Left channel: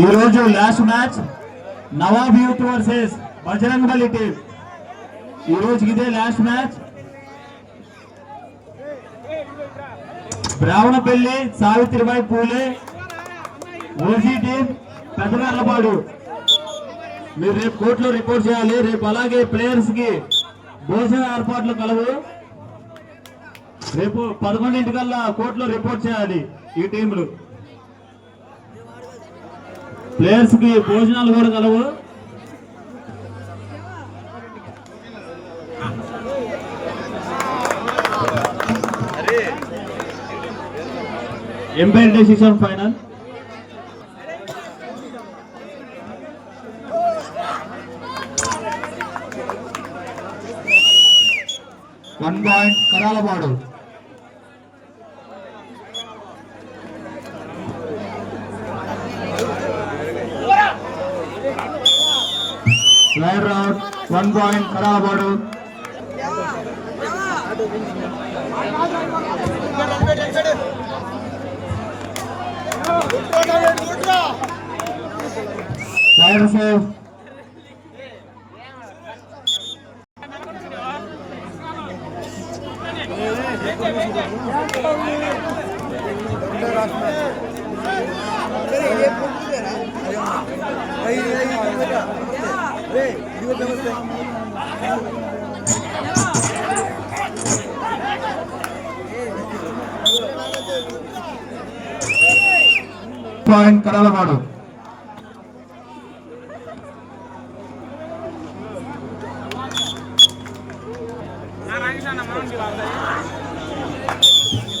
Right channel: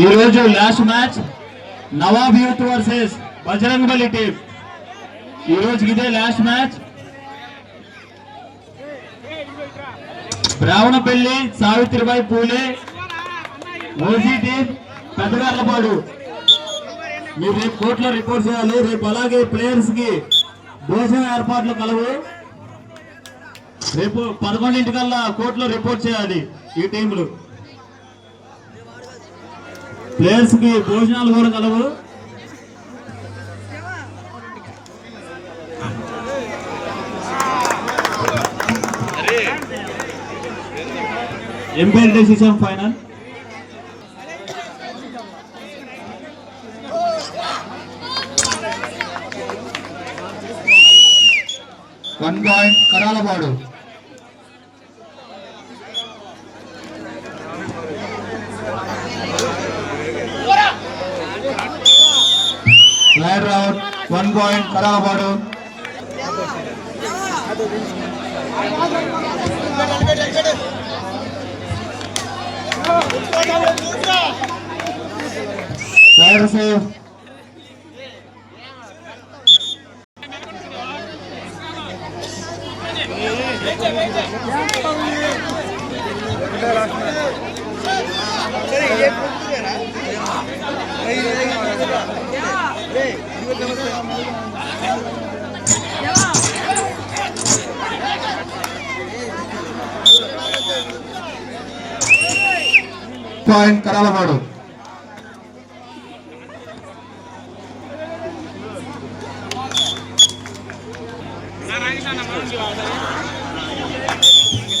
ఈ రోజు last match Nawab youth versus Bajrangbali team. ఈ రోజు ఇదే last match. Brahmanapalli Savitribai Phule OG team పెద్దగర్లపాడు. మీరు రేపు కోర్టులో రిపోర్ట్ చేయాలి. రేపు అలాగే ప్లేయర్స్ కి భోజన ఏర్పాట్లు కలవు. రేపు 11 కోర్టులో రిపోర్ట్ చేయాలి. ఈ టీంలు ప్లేయర్స్ కి భోజనాలు కూడా కలవు. Umpire decision final. One point Karalapadu. Player out. 1 point Karalapadu. Player safe. Point Karalapadu.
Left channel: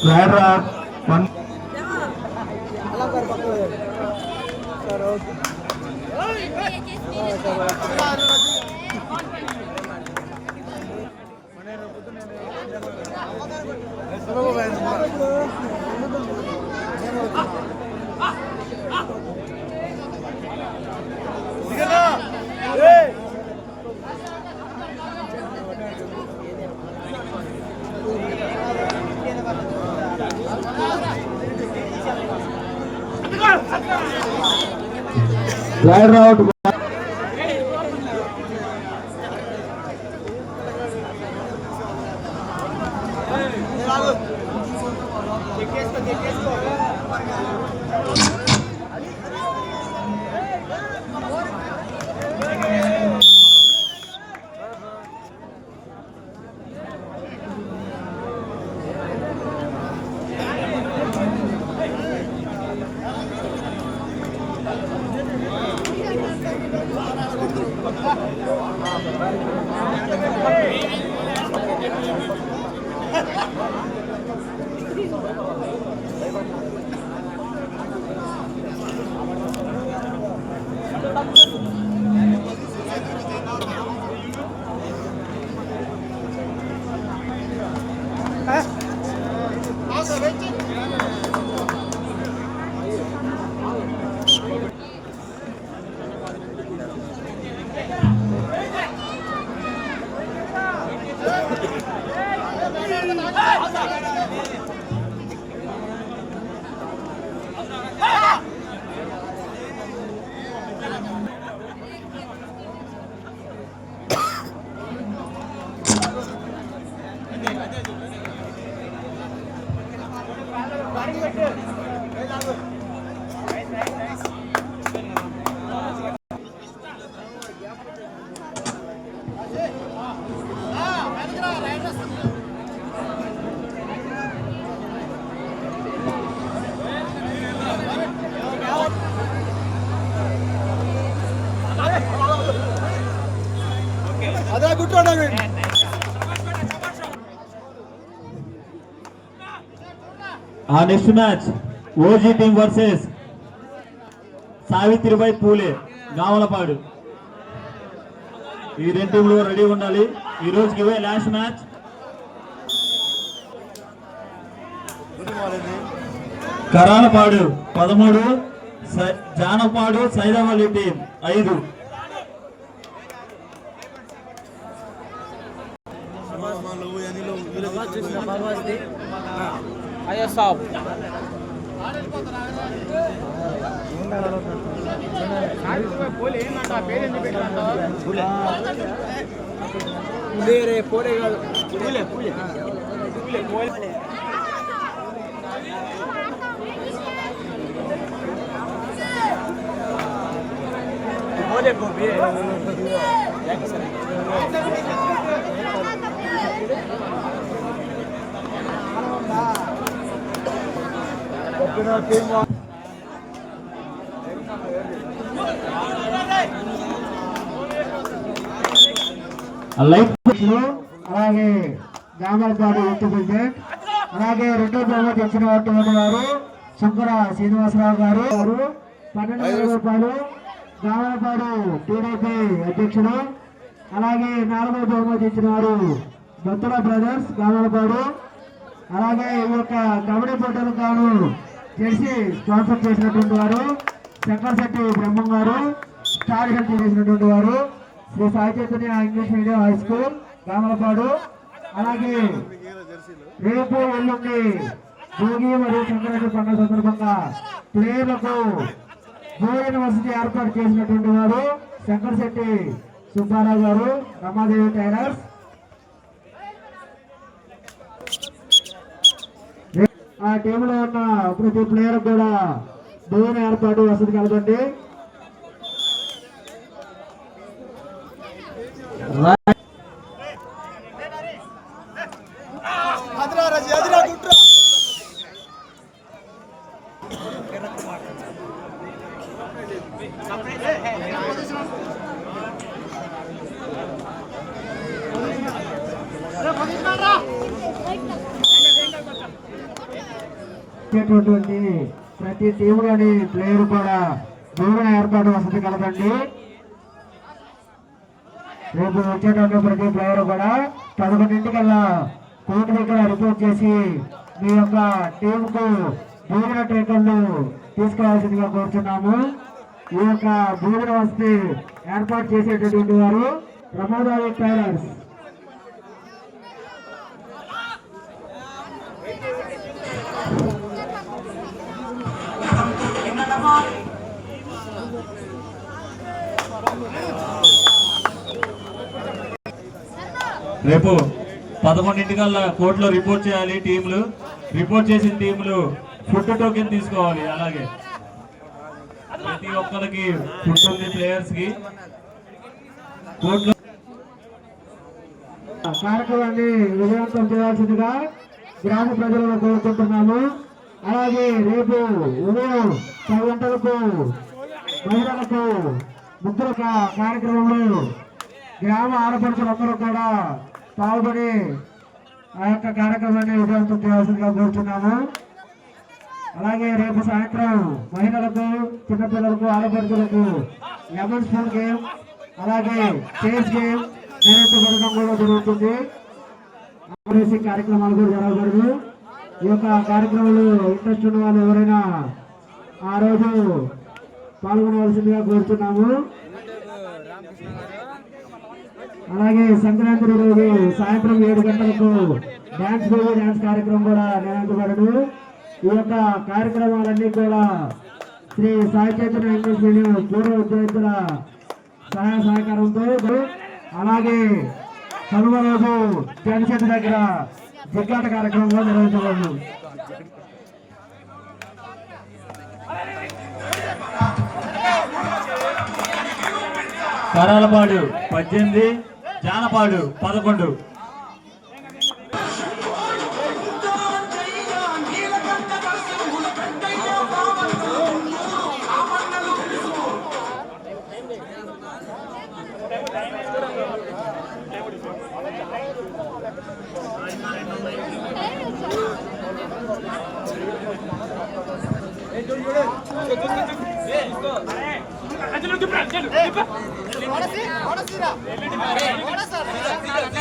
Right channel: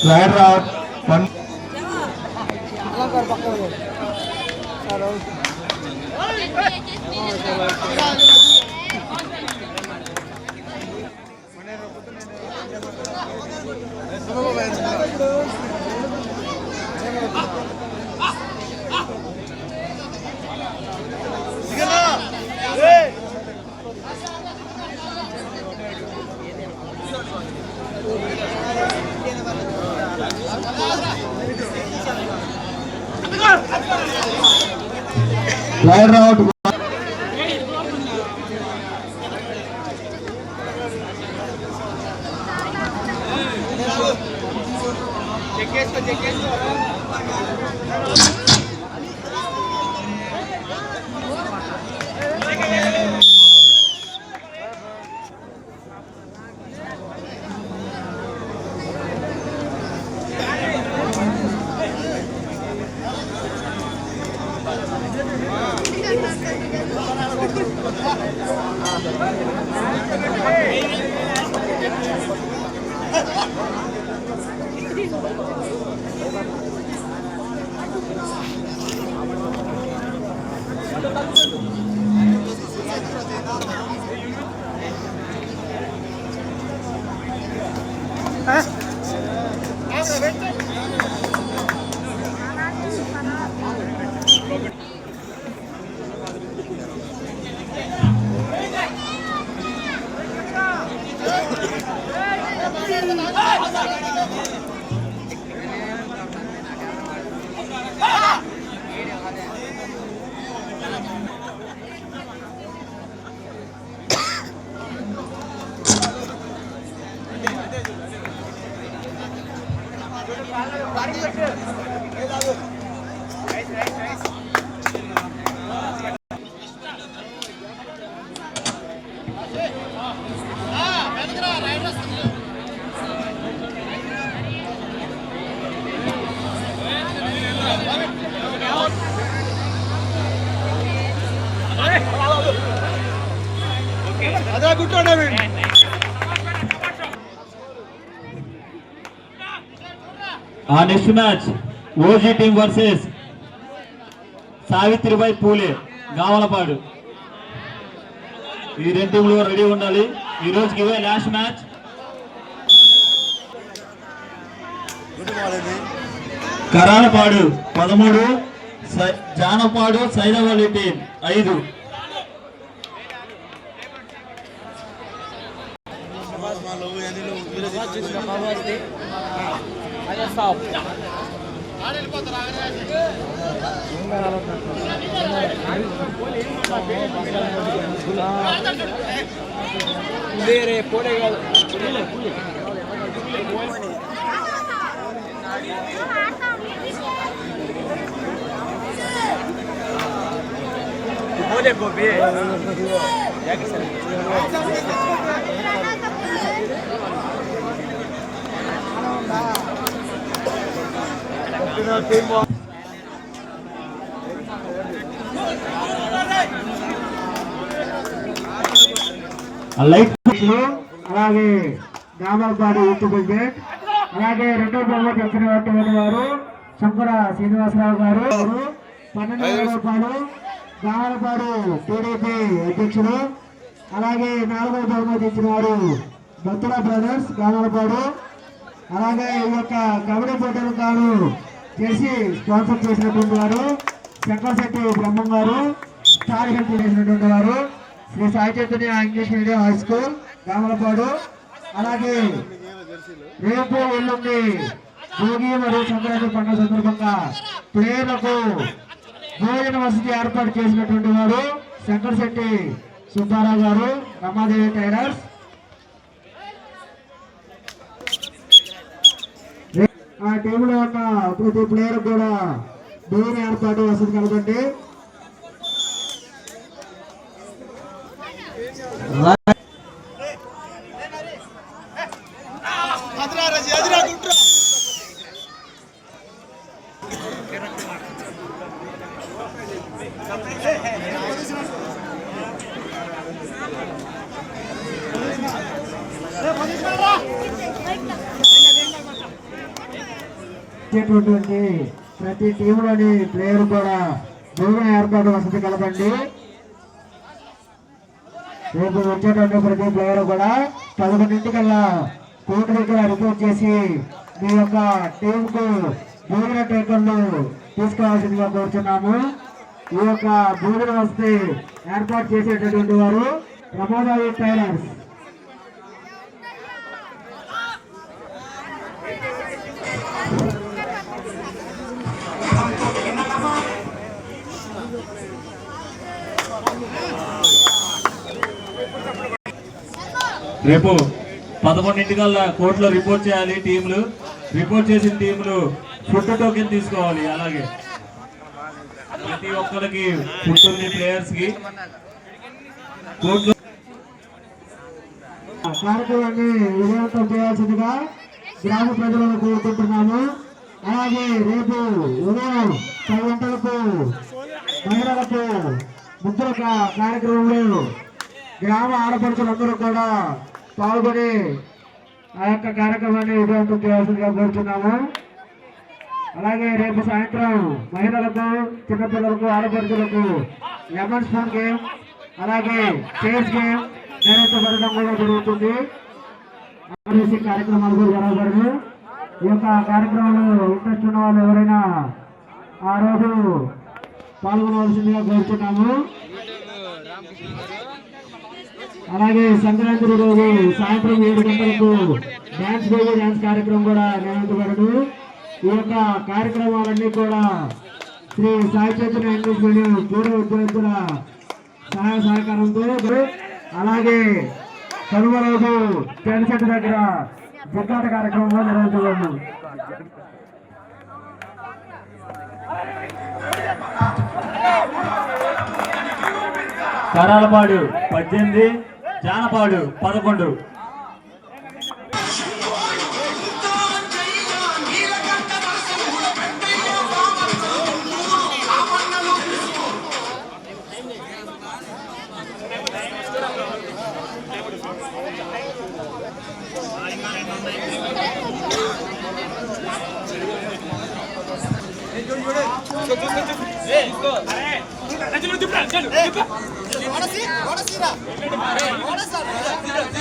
Player out. 1 player out. Next match OG team versus Savitribai Phule Gavalapadu. ఈ 2 టీంలు రెడీ ఉండాలి. ఈ రోజుకి ఇవే last match. Karalapadu 13, Janapadu Saidavalli team 5. Stop. Light అలాగే జామర్పాడు యూత్ క్రికెట్ అలాగే రెండో బహుమతి వచ్చినటువంటి వారు శంకర శ్రీనివాసరావు గారు 12,000 రూపాయలు జామర్పాడు టీడీపీ అధ్యక్షుడు. అలాగే నాలుగో బహుమతి ఇచ్చిన వారు బొత్తల బ్రదర్స్ జామర్పాడు. అలాగే ఈ యొక్క కబడ్డీ పోటీలు కాను చేసి స్పాన్సర్ చేసినటువంటి వారు శంకర్శెట్టి బ్రహ్మం గారు. స్టార్ హెల్త్ చేసినటువంటి వారు Sri Sai Chaitanya English medium high school Gamalapadu. అలాగే రేపు ఎల్లుండి భోగి మరియు సంక్రాంతి పండుగ సందర్భంగా ప్లేయర్లకు భోజన వసతి ఏర్పాటు చేసినటువంటి వారు శంకర్శెట్టి సుబ్బారావు గారు, రమాదేవి టైలర్స్. ఆ టీంలో ఉన్న ప్రతి ప్లేయర్ కూడా భోజన ఏర్పాటు వసతి కలగండి. ప్రతి టీంలోని ప్లేయర్ కూడా భోజన ఏర్పాటు వసతి కలదండి. రేపు వచ్చేటప్పుడు ప్రతి ప్లేయర్ కూడా 11:00 కోర్టు దగ్గర రిపోర్ట్ చేసి మీ యొక్క టీంకు భోజన టేకర్లు తీసుకోవాల్సిందిగా కోరుతున్నాము. ఈ యొక్క భోజన వసతి ఏర్పాటు చేసేటటువంటి వారు రమాదేవి టైలర్స్. రేపు 11:00 కోర్టులో రిపోర్ట్ చేయాలి టీంలు. రిపోర్ట్ చేసిన టీంలు ఫుడ్ టోకెన్ తీసుకోవాలి. అలాగే ప్రతి ఒక్కరికి ఫుడ్ ఉంది ప్లేయర్స్ కి. కోర్టులో కార్యక్రమాన్ని విజయవంతం చేయాల్సిందిగా గ్రామ ప్రజలను కోరుకుంటున్నాము. అలాగే రేపు ఉదయం 10 గంటలకు మహిళలకు ముగ్గుల కార్యక్రమంలో గ్రామ ఆడపడుచులందరూ కూడా పాల్గొని ఆ యొక్క కార్యక్రమాన్ని విజయవంతం చేయాల్సిందిగా కోరుతున్నాము. అలాగే రేపు సాయంత్రం మహిళలకు, చిన్నపిల్లలకు, ఆడపడుచులకు లెమన్ స్పూన్ గేమ్ అలాగే చేస్ గేమ్ నిర్వహించబడడం కూడా జరుగుతుంది. కార్యక్రమాలు కూడా జరగబడింది. ఈ యొక్క కార్యక్రమంలో ఇంట్రెస్ట్ ఉన్న వాళ్ళు ఎవరైనా ఆ రోజు పాల్గొనవలసిందిగా కోరుతున్నాము. అలాగే సంక్రాంతి రోజు సాయంత్రం 7 గంటలకు డ్యాన్స్ బేబీ డ్యాన్స్ కార్యక్రమం కూడా నిర్వహించబడదు. ఈ యొక్క కార్యక్రమాలన్నీ కూడా శ్రీ సాయి చైతన్య ఇంగ్లీష్ మీడియం పూర్వ విద్యార్థుల సహాయ సహకారంతో. అలాగే కనుమ రోజు జనసేన దగ్గర జగ్గాట కార్యక్రమంలో నిర్వహించబడదు. Karalapadu 18, Janapadu 11.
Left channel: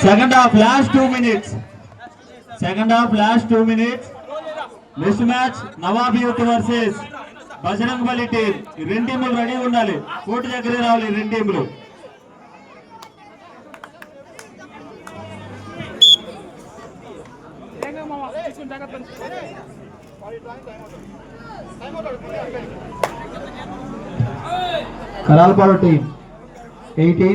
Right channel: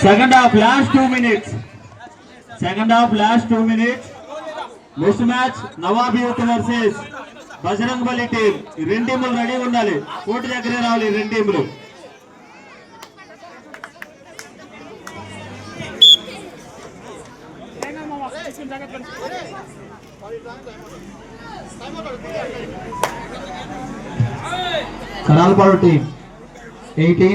Second half, last 2 minutes. Second half, last 2 minutes. Next match, Nawab Youth versus Bajrangbali team. రెండు టీములు రెడీగా ఉండాలి. కోర్టు దగ్గరే రావాలి రెండు టీములు. కరాలపాడు టీం 18